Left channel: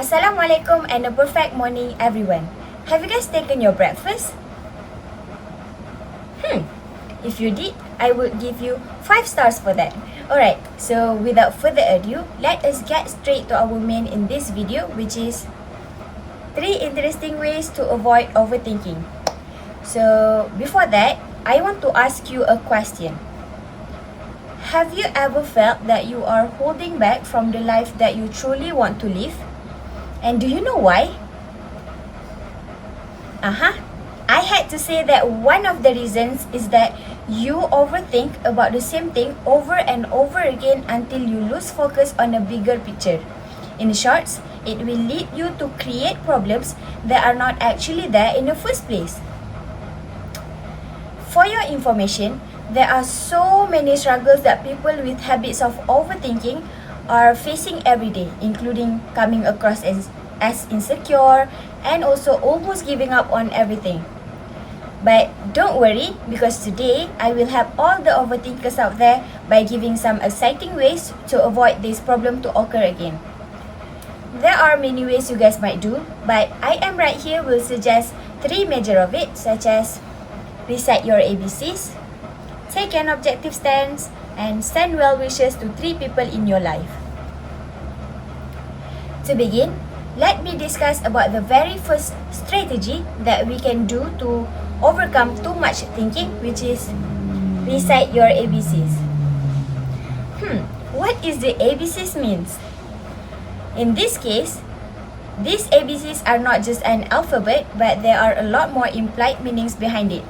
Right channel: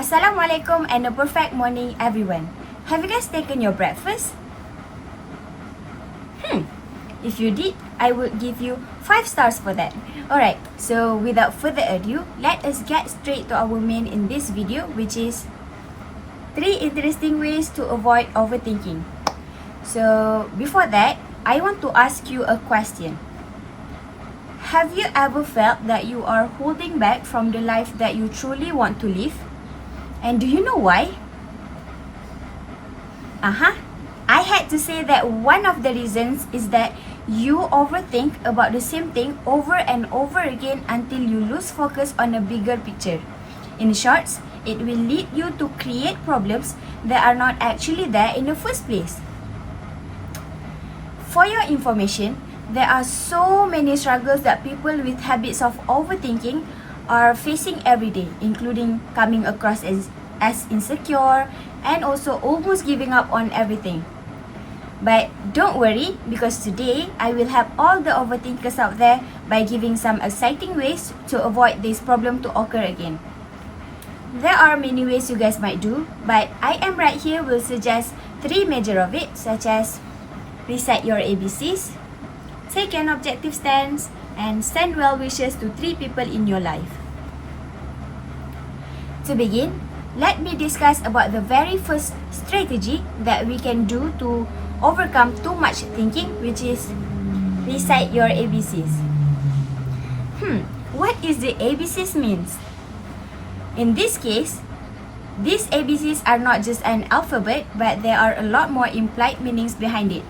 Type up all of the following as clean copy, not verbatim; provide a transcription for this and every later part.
Assalamualaikum and a perfect morning everyone. Have you guys taken your breakfast? If you did, I would give you 5 stars for that. Alright, so without further ado, let us get straight to our main in this video, which is 3 interesting ways to avoid overthinking. So before that, I want to ask you a question. Have you ever felt that you are holding back from the life that you truly want to live? And do you know why? I had to say that one of the reasons is that you overthink about the same thing over and over again until you lose focus on a bigger picture. In short, it will lead you to create problems that are not actually there in the first place. For your information, there are so many struggles that people with habits of overthinking are facing every day, including coming across as insecure and also almost giving up on everything. But don't worry, because today I will help all the overthinkers out there by giving some exciting ways to avoid this problem to occur again. There are many ways you guys might do, but I am right here will suggest 3 major of it, such as recite your ABCs, take an objective stance, and send well wishes to 3 people in your life. To begin, let me discuss about the very first strategy that we can do to overcome too much thinking, which is recite your ABCs. What is the ABCs means? In this case, these ABCs are not just an alphabet, but there are a lot more implied meanings behind it.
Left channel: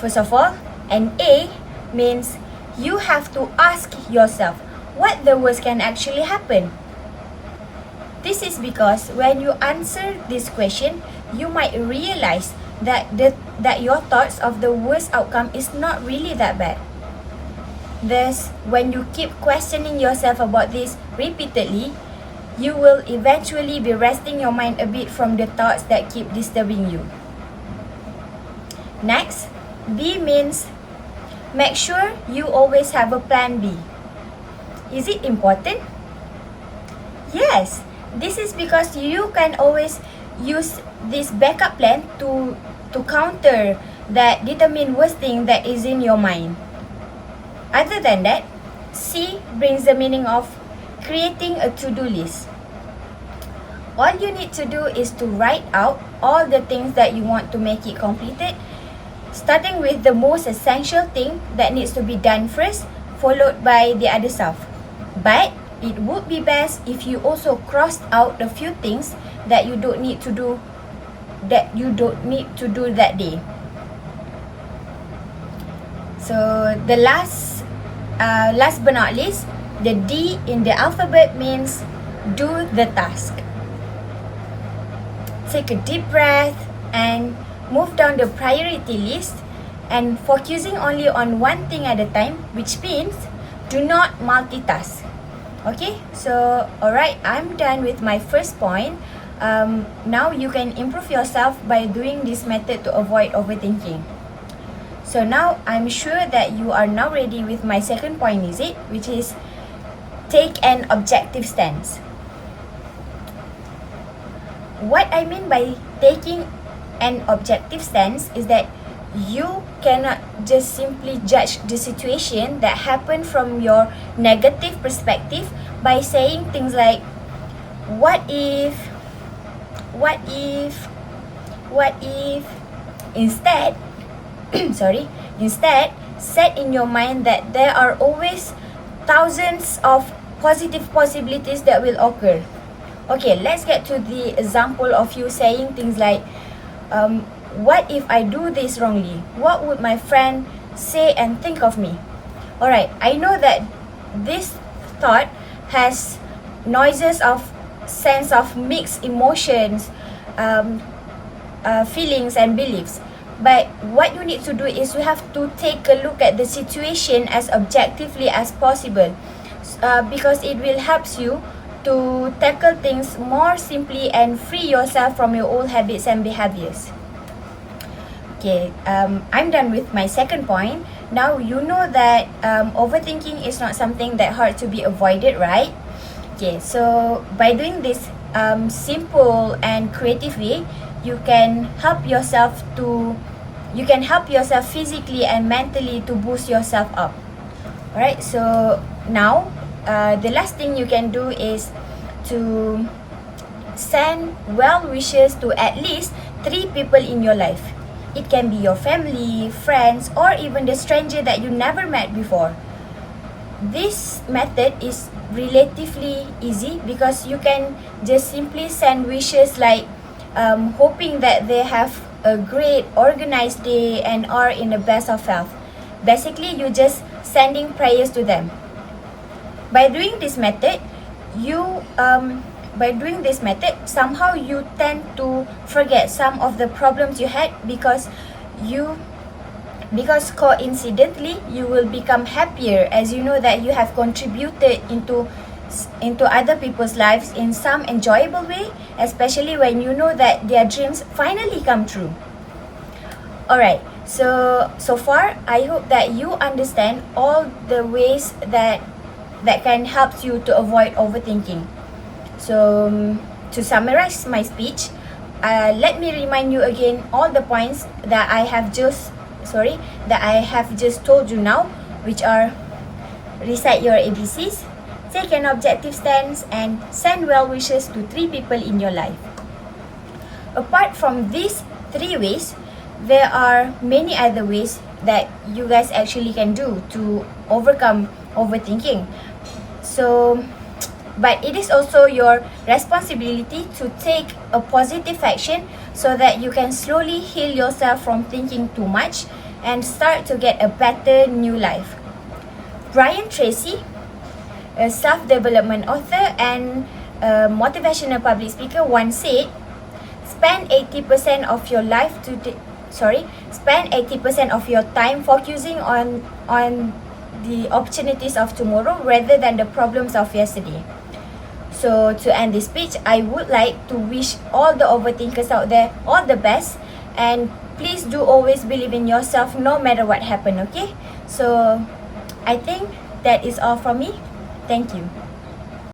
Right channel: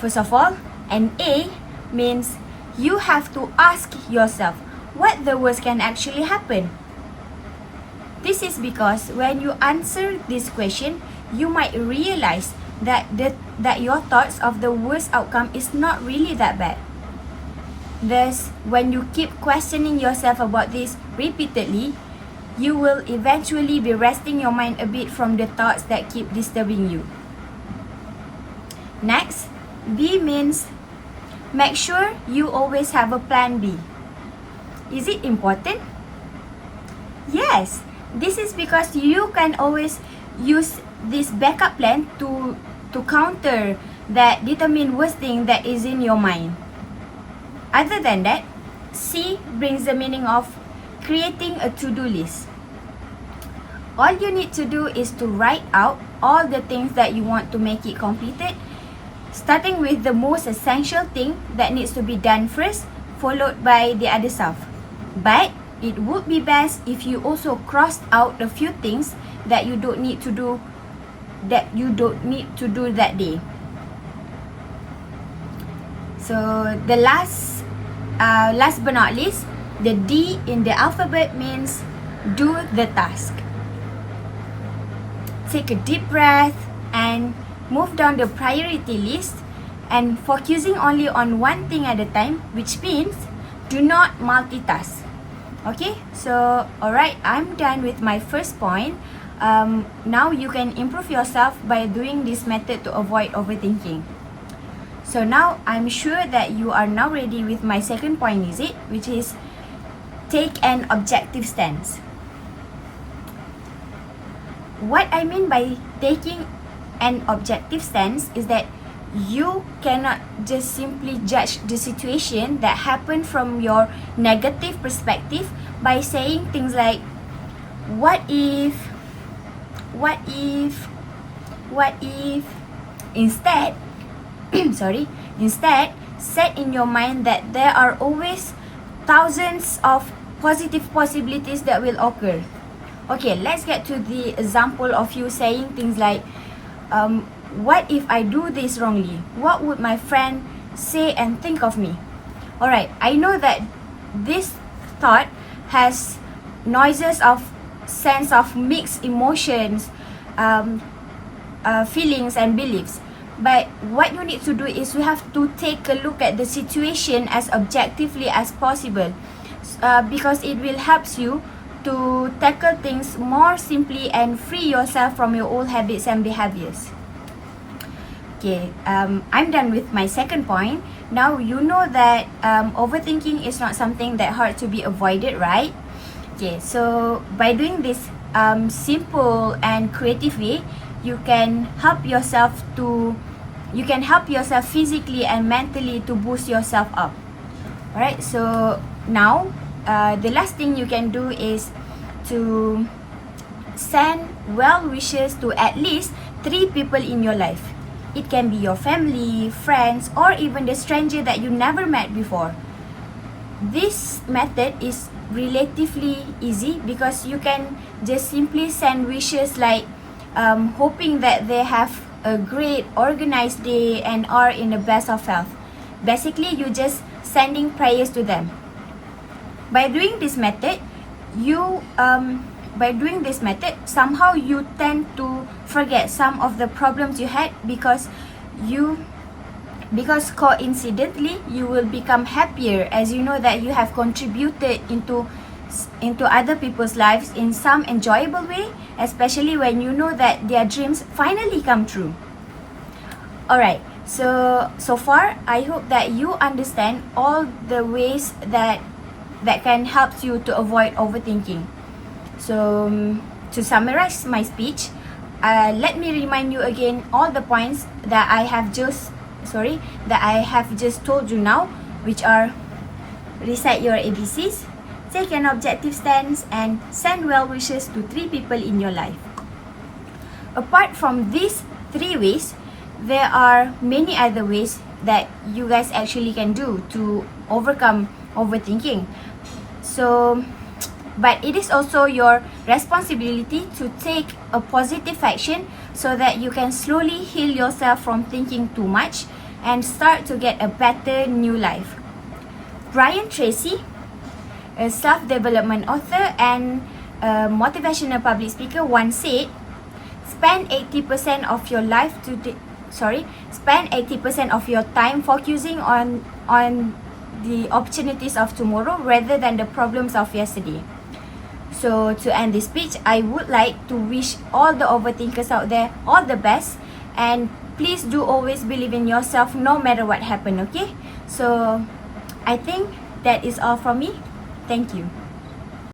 First of all, an A means you have to ask yourself what the worst can actually happen. This is because when you answer this question, you might realize that your thoughts of the worst outcome is not really that bad. Thus, when you keep questioning yourself about this repeatedly, you will eventually be resting your mind a bit from the thoughts that keep disturbing you. Next, B means make sure you always have a plan B. Is it important? Yes, this is because you can always use this backup plan to counter that determined worst thing that is in your mind. Other than that, C brings the meaning of creating a to-do list. All you need to do is to write out all the things that you want to make it completed, starting with the most essential thing that needs to be done first, followed by the other stuff. But it would be best if you also crossed out a few things that you don't need to do that day. So the last but not least, the D in the alphabet means do the task. Take a deep breath and move down the priority list and focusing only on one thing at a time, which means do not multitask. Okay, so alright, I'm done with my first point. Now you can improve yourself by doing this method to avoid overthinking. So now I'm sure that you are now ready with my second point, is it? Which is take an objective stance. What I mean by taking an objective stance is that you cannot just simply judge the situation that happened from your negative perspective by saying things like, what if? Instead, set in your mind that there are always thousands of positive possibilities that will occur. Okay, let's get to the example of you saying things like, what if I do this wrongly? What would my friend say and think of me? Alright, I know that this thought has noises of sense of mixed emotions, feelings and beliefs. But what you need to do is you have to take a look at the situation as objectively as possible, because it will help you to tackle things more simply and free yourself from your old habits and behaviors. Okay, I'm done with my second point. Now you know that overthinking is not something that hard to be avoided, right? Okay, so by doing this simple and creative way, you can help yourself physically and mentally to boost yourself up. Alright, so now the last thing you can do is to send well wishes to at least 3 people in your life. It can be your family, friends, or even the stranger that you never met before. This method is relatively easy because you can just simply send wishes like hoping that they have a great organized day and are in the best of health. Basically, you just sending prayers to them. By doing this method, somehow you tend to forget some of the problems you had because coincidentally you will become happier as you know that you have contributed into other people's lives in some enjoyable way, especially when you know that their dreams finally come true. Alright, so far I hope that you understand all the ways that can help you to avoid overthinking. So to summarize my speech, let me remind you again all the points that I have just told you now, which are: recite your ABCs, take an objective stance, and send well wishes to 3 people in your life. Apart from these 3 ways, there are many other ways that you guys actually can do to overcome overthinking. But it is also your responsibility to take a positive action so that you can slowly heal yourself from thinking too much and start to get a better new life. Brian Tracy, a self-development author and a motivational public speaker, once said, spend 80% of your time focusing on the opportunities of tomorrow rather than the problems of yesterday. So to end this speech, I would like to wish all the overthinkers out there all the best, and please do always believe in yourself no matter what happens, okay? So I think that is all from me. Thank you.